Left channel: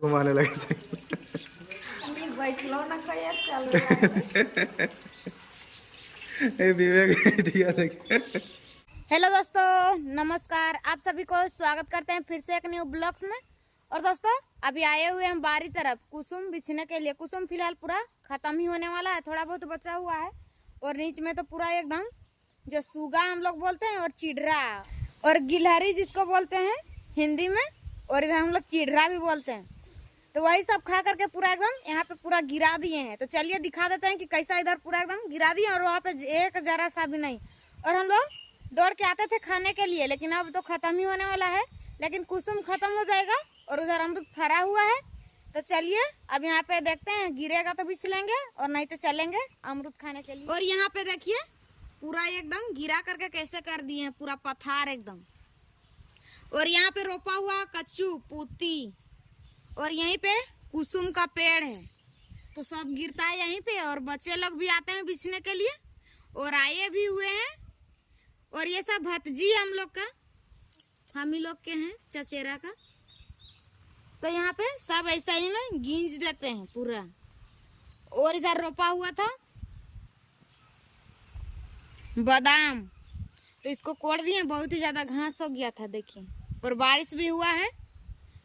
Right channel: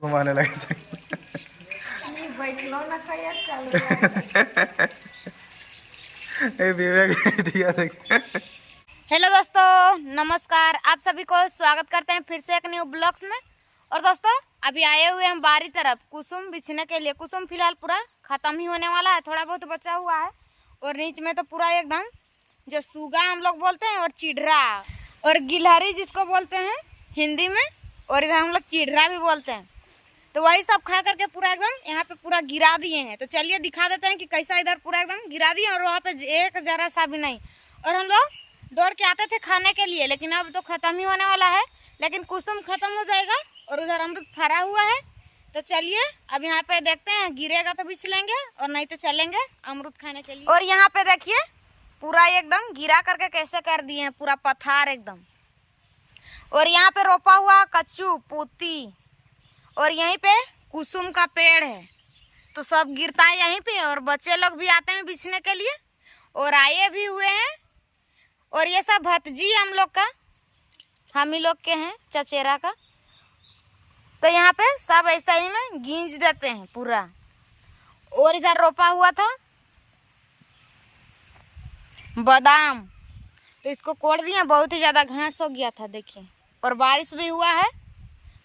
घुमाने लगे साइकिल। विवेक देख। हेलो दोस्तों, नमस्कार। आप सभी को स्वागत करते हैं फिर से एक न्यू ब्लॉग्स में। और दोस्तों, अभी आए हुए हम बारी तरफ कुसुम बिछने के लिए। कुसुम फिलहाल पूरा ख़त्म ही होने वाला है, थोड़ा बहुत बचा हुआ है। और नीच में तो पूरा एकदम जो सूगा हम लोग बोलते हैं, और चिढ़रा और गिलहरी जिसको बोलते हैं हिंदी में, और इधर हम लोग चिढ़रा भी बोलते हैं। तो वही सब खा करके पूरा एकदम यहाँ पे पूरा गिरा दिए हैं। तो चलिए दिखा देते हैं कि कैसा इधर पूरा एकदम गिरा दिए, और वहाँ पे एक जरा सा भी नहीं। और हम लोग दौड़ के आते थे खाने के लिए, लेकिन अब तो ख़त्म ही होने वाला है। लेकिन कुसुम ख़त्म हो जाएगा और उधर अमरूद फरा हुआ है। तो चलिए अब यहाँ पे देखते हैं, गिरेगा तो बिछ लेंगे और नहीं तो चलेंगे अमरूद खाने के लिए। और यहाँ पे देखिए पूरा एकदम गिरा करके कैसे कर दिए हैं, पूरा पथार एकदम। और यहाँ पे रोपा हुआ कच्चू पूती, और यहीं पे कुसुम का पेड़ है। तो सब गिरता है यहीं पे, और बच्चे लोग भी आते हैं बिछने के लिए, और आए भी हुए हैं। और ये सब भतजी हम लोग का, हम ही लोग के हैं चचेरा का। तो यहाँ पे सब ऐसा ही में गींज देते हैं पूरा। और इधर रोपा हुआ था बादाम, तो इसको कोड़ दिया, बहुत ही ज़्यादा घास हो गया था देखिए। और बारिश भी हुआ है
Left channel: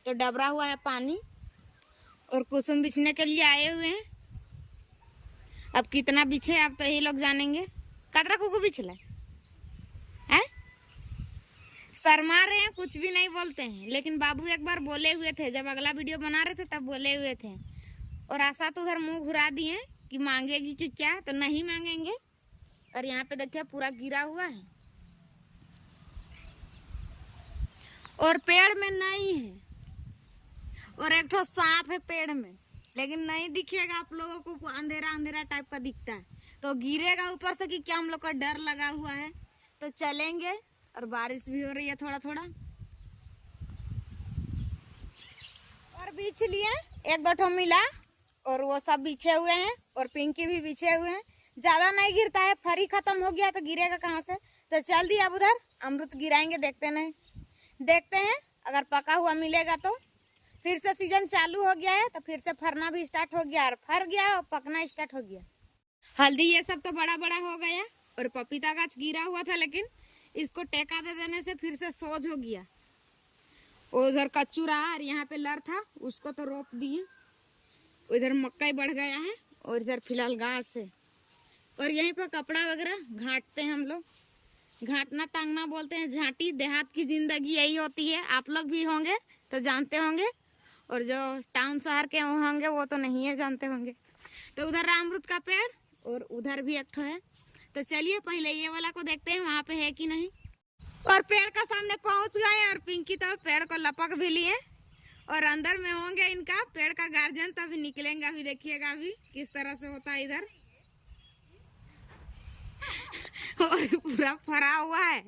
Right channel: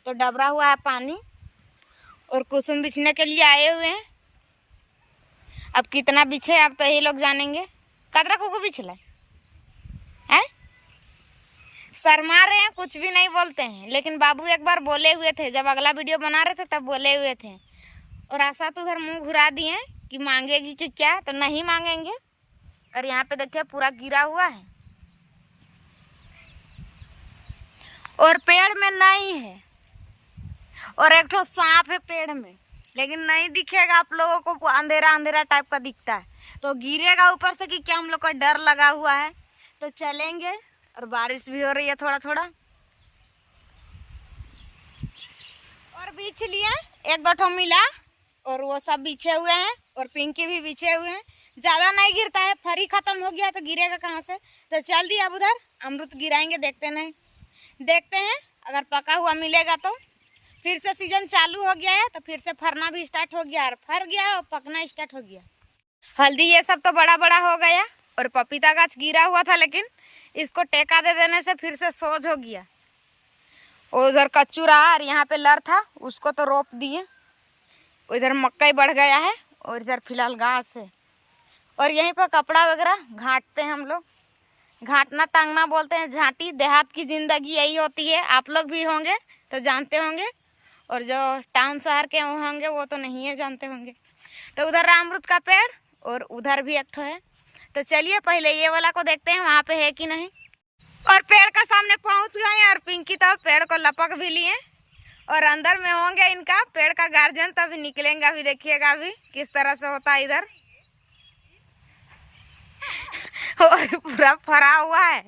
तो डबरा हुआ है पानी। और कुसुम बिछने के लिए आए हुए हैं। अब कितना बिछे अब तो ये लोग जानेंगे। कतरा कुकू बिछला है, शर्मा रहे हैं, कुछ भी नहीं बोलते हैं। लेकिन बाबू एक बार बोले हुए थे, जब अगला वीडियो बना रहे थे तब बोले हुए थे। और आशा तो उधर मुंह घुरा दिए कि मांगेगी कि क्या, तो नहीं मांगेंगे। और यहाँ पे देखिए पूरा गिरा हुआ है, और पेड़ में नहीं है। और एक ठो सांप है पेड़ में, लेकिन नहीं दिखेगा आप लोगों को, अंधेरा अंधेरा टाइप का दिखता है। तो गिरेगा ऊपर से कि क्या, हम लोग का डर लगा हुआ है। तो चलेंगे, और बारिश भी हो रही है थोड़ा थोड़ा। और बीछ लिए एक दो ठो मिला, और वो सब बिछे हुए हैं, और पिंकी भी बिछे हुए हैं। ज़्यादा नहीं गिरता है, फरी खत्म हो गया तो गिरेगा कहाँ से। तो चल दिया अब उधर अमरूद गिराएंगे, देखते हैं अगर पका हुआ मिलेगा तो। फिर से सीजन चालू हो गया है, तो फिर से फरना भी स्टार्ट हो गया, और फर गया और पकना स्टार्ट हो गया। हल्दी ये सब तो बड़ा बड़ा हो गया, और पपीता गाछ गिरा हुआ था, लेकिन इसको टेका दे देने से फिर से सोज हो गया। और उधर कच्चू रहा, और यहाँ पे लर था, उसको तो रोप दिए। उधर मक्का बढ़ गया है, और इधर फिलहाल घास है। और यहीं पर कपड़ा वगैरह घाटते हैं हम लोग। घाटना टांगना बोलते हैं, झांटी। देहात की ज़िंदगी यही होती है, आप लोग भी होंगे तो जानते होंगे, और जो टाउन शहर के होंगे वो तो नहीं है, जानते होंगे। तो उधर अमरूद का पेड़, और उधर भी एक ठो है। तो चलिए पहले ये वाला को देखते हैं वहाँ पे है कि नहीं। और पेड़ का सामने पहुँच गए, और पिंकी तो पेड़ को लपक भी लिए, और अंदर में होंगे इनका पेड़ का गार्जियन। तो अभी निकलेंगे, अभी देखिएगा अभी किस तरह से होता है इधर। और पूरा फरा हुआ है,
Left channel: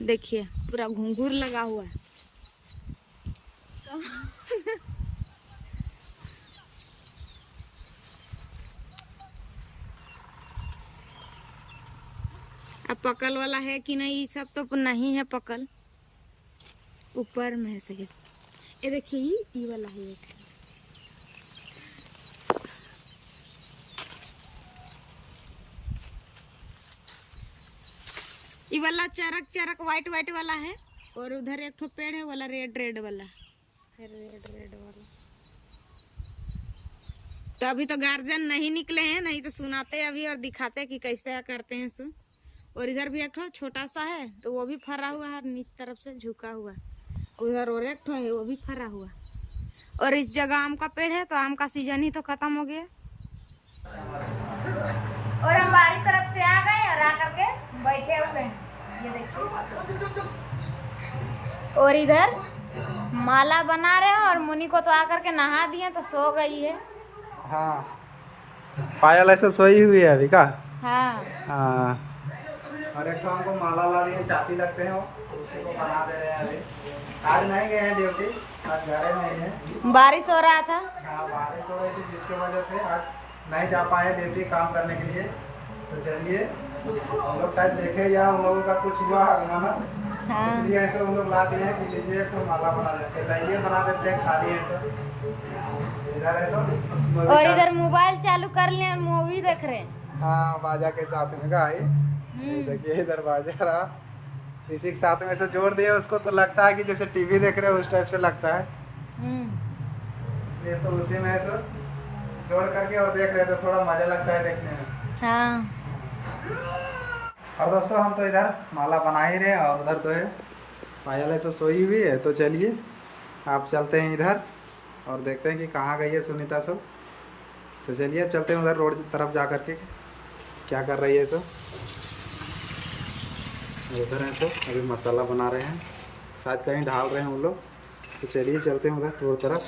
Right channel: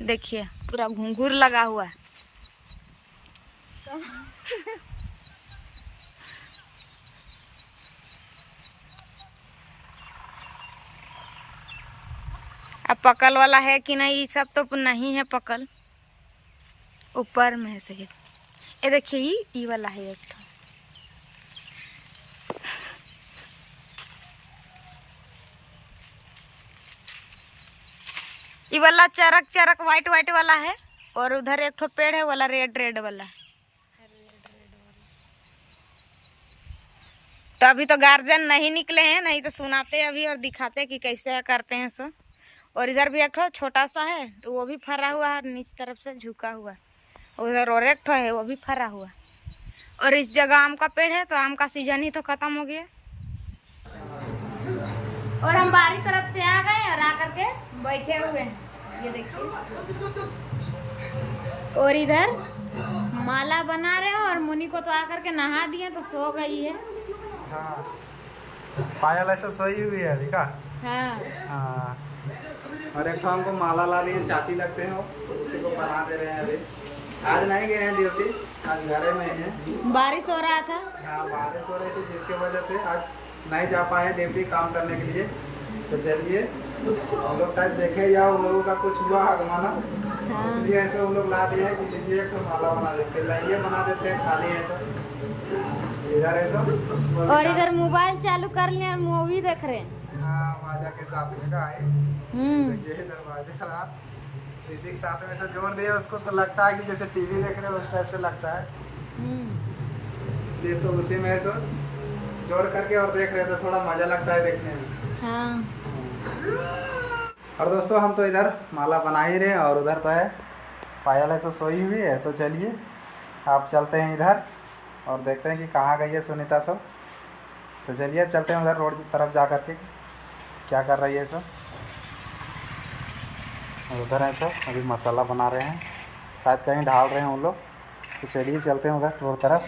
देखिए पूरा घुंघरू लगा हुआ है। अब पकल वाला है कि नहीं, ये सब तो नहीं है पकल, ऊपर में से। ये देखिए ये वाला है एक तो। ये वाला चरक चरक वाइट वाइट वाला है, और उधर एक ठो पेड़ है वाला रेड रेड वाला। तो अभी तो गार्जियन नहीं निकले हैं, नहीं तो सुनाते अभी और दिखाते कि कैसे करते हैं सो। और इधर भी एक ठो छोटा सा है, तो वो भी फरा हुआ है, नीचे तरफ से झुका हुआ। उधर और एक ठो है, वो भी फरा हुआ। और इस जगह आम का पेड़ है, तो आम का सीजन ही तो खत्म हो गया। और हम बारी तरफ से आ गए, और आकर के बैठे हुए हैं, ये देखिए। और इधर माला बना रहे हैं, और मुनि को तो आकर के नहा दिए, तो सो गई है। हाँ, पायल ऐसे सोई हुई है अभी का। हाँ, और एक तो हमको माला ला दिए, चाची लगते हैं वो, तो उसी को बना दे रहे हैं अभी। आज नहीं गए हैं ड्यूटी, आज घर में ही है। बारिश हो रहा था। हाँ, बारिश हो रही थी, जिसके वजह से आज नहीं जा पाए ड्यूटी काम करने के लिए। तो चलिए, हम लोग शायद देखे या उन लोगों का कुछ हुआ आगमन, हाँ। इसलिए ऐसे उन लोग ला दिए हैं कि लीजिए कोई माला बना दे, फिर लाइए बना देते हैं, खाली है तो इधर ऐसा और इधर मोबाइल चालू कर लिए और मूवी देख रहे हैं। हाँ बाजा के साथ में का ये देखिए इधर बाजा रहा, इसी के साथ में से जोड़ दिए उसको तो लगता है कि जैसे टीवी देख रहे हो उस टाइप से लगता है, इसलिए तो उसी में ऐसा जोड़ करके और देख रहे तो थोड़ा मजा लगता है देखने में। हाँ। और दोस्तों हम तो इधर माला बना ही रहे और उधर तो है पायल ऐसे सोई हुई है, तो चलिए आप चलते हैं इधर और देखते हैं कि कहाँ गई है सुनीता सब। तो चलिए अब चलते हैं उधर रोड की तरफ जा करके क्या कर रही है सब। और उधर हैं सब अभी मसाला बना रहे हैं, शायद कहीं ढाल रहे हैं उन लोग। तो चलिए चलते हैं उधर रोड तरफ।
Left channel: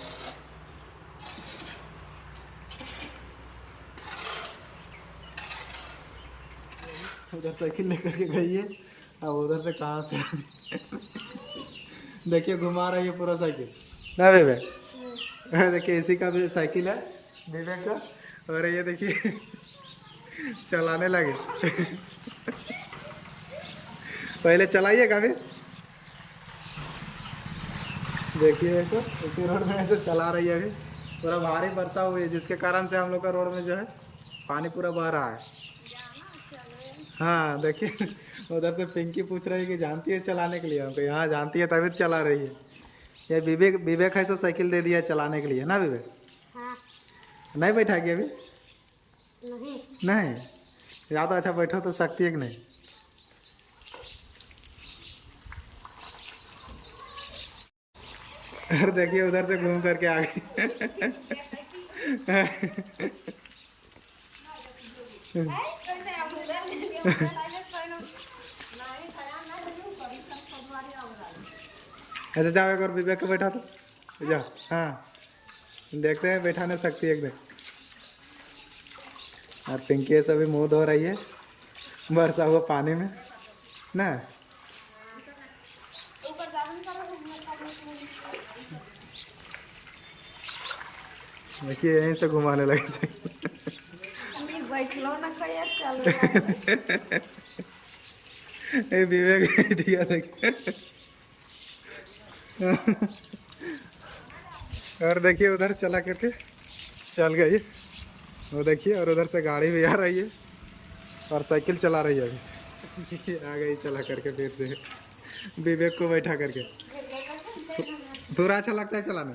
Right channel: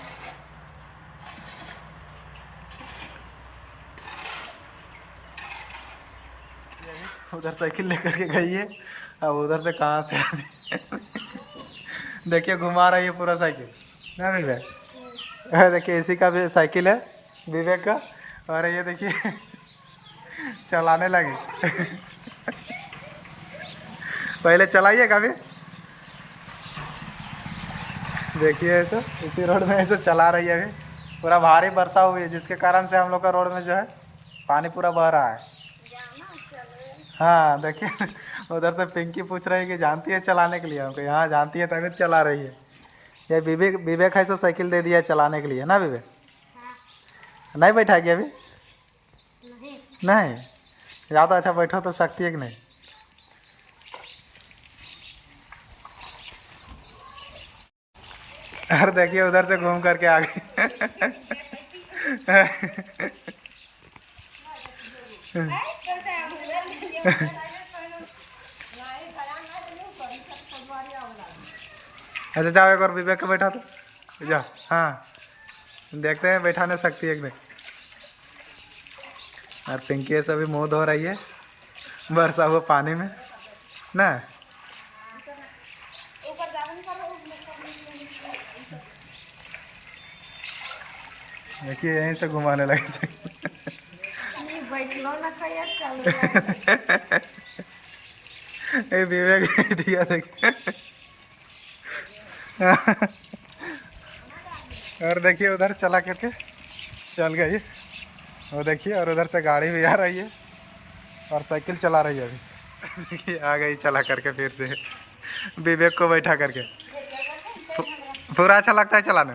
उधर साइकिल लेकर के गई है, अब उधर से कहाँ से देखिए घुमा रही है पूरा साइकिल ना विवेक। देखिए इसी का भी साइकिल है विवेक का, और ये देखिए चलाने लगे पहले चलाइए कभी, देखिए ऐसे इसी रोड में ऐसे चला रही है। अभी पूरा भारी वर्षा हुई है जिसके कारण से हम लोग का रोड में जो है पानी पूरा बह रहा है। हाँ देखिए उधर से पिंकी पूछ रही है कि जानती है चलाने के लिए हमको, यहाँ जानती है तभी तो चला रही है। ये विवेक विवेक है सो साइकिल दे दिया है चलाने के लिए ना विवेक। हाँ। नहीं बैठाएगी अभी नहीं। नहीं या तो अच्छा बैठो तो सकती है कि नहीं। और देखिए उधर से घूम करके आ गई अच्छा जाओ एक और विवेक को बैठा तो जाओ। हाँ देखते हैं बैठाने सकती है कि नहीं। और पिंकी से भी मुँह धो रही है बरसा हुआ पानी में ना। देखिए यहीं से घुमाने लगे विवेक बैठिया देखिए और देखिए उधर चला करके चल गई वो देखिए, और उधर से गाड़ी भी आ रही है और साइकिल चला रही है अभी देखिए आ गई चला करके फिर से विवेक को बैठा करके। पूरा अच्छा लगता है चलाने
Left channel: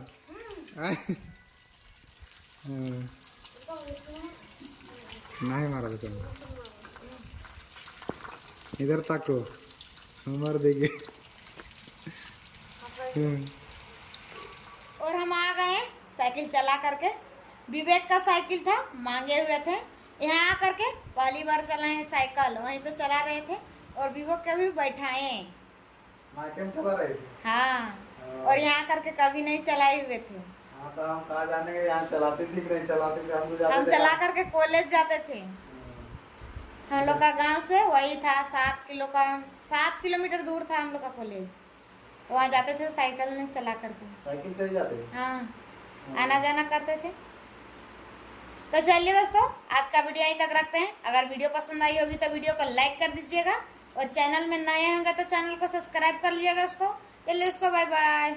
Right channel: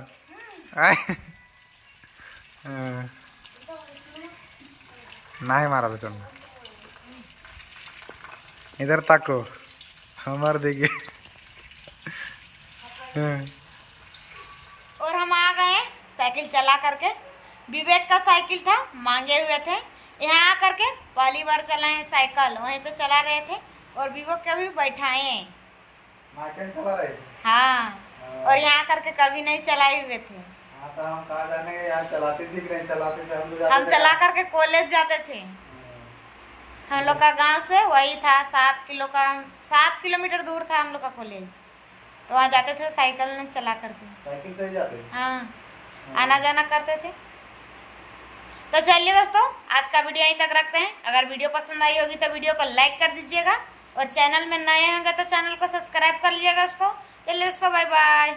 नहीं मारा बेचन इधर तको हमार देखिए और हम आ गए साइकिल चला करके। विवेक का साइकिल था, मांगे हुए थे, यहाँ आकर के पहली बार चलाए साइकिल, वहीं पे चला रहे थे और विवेक का भी बैठाए। चला रहे हाँ और यहाँ करके कभी नहीं चलाए हुए थे। हाँ तो हम कहाँ जाने के, यहाँ चलाते दिख रहे चलाते थे हम लोग, हम चला करके कॉलेज जाते थे। हम लोग का गांव से वही था 7 किलोमीटर दूर था हम लोग का कॉलेज, तो वहाँ जाते थे साइकिल में चला करके। साइकिल से ही जाते? हाँ आना जाना करते थे। तो चलिए दोस्तों आज का वीडियो यहीं तक रखते हैं। अगर वीडियो पसंद आई होगी तो वीडियो को लाइक कर दीजिएगा और चैनल में नए होंगे तो चैनल को सब्सक्राइब कर लीजिएगा दोस्तों। चलिए दोस्तों बाय बाय।